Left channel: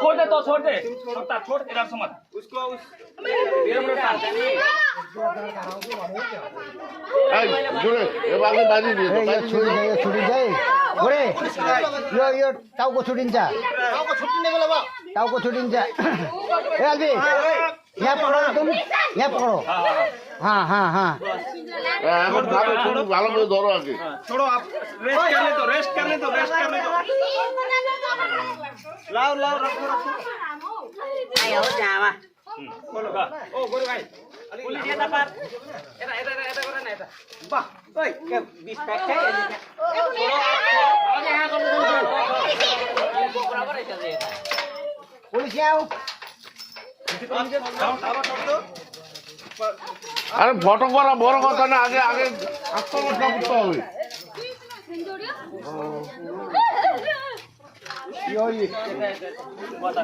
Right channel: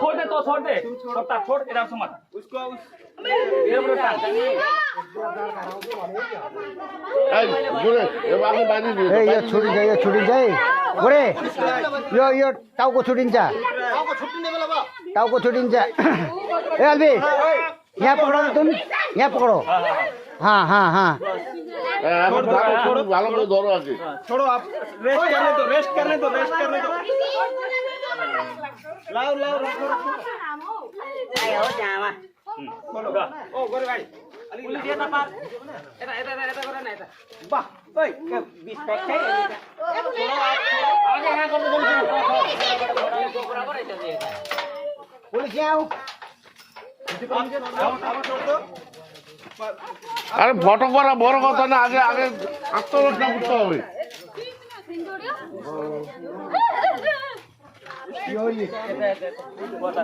छोड़ दे तो छोड़ दे छोड़ इधर से मत उसको छुट्टी जाए बोरे यो टाउको छुट्टिन्छ टाउको छुट्टिन्छ ए अलबी यहाँ पकड़ो तुम यहाँ पकड़ो हाँ हाँ हाँ ভালো করে ধরো আগে छोड़ो आप रेस्ट करने दो लाओ रखो ayo jawa बोलो ओ गोरे भाई पुलिस এটা পার এটা করে না এটা বাহ ওই 20 প্যাক খাই छोड़ो आगे हां कर दो बराबर है चल पुलिस यहाँ आओ আরে ফটো করা বড় কথা না আগে আগে আত্মরক্ষা করতে হবে কথা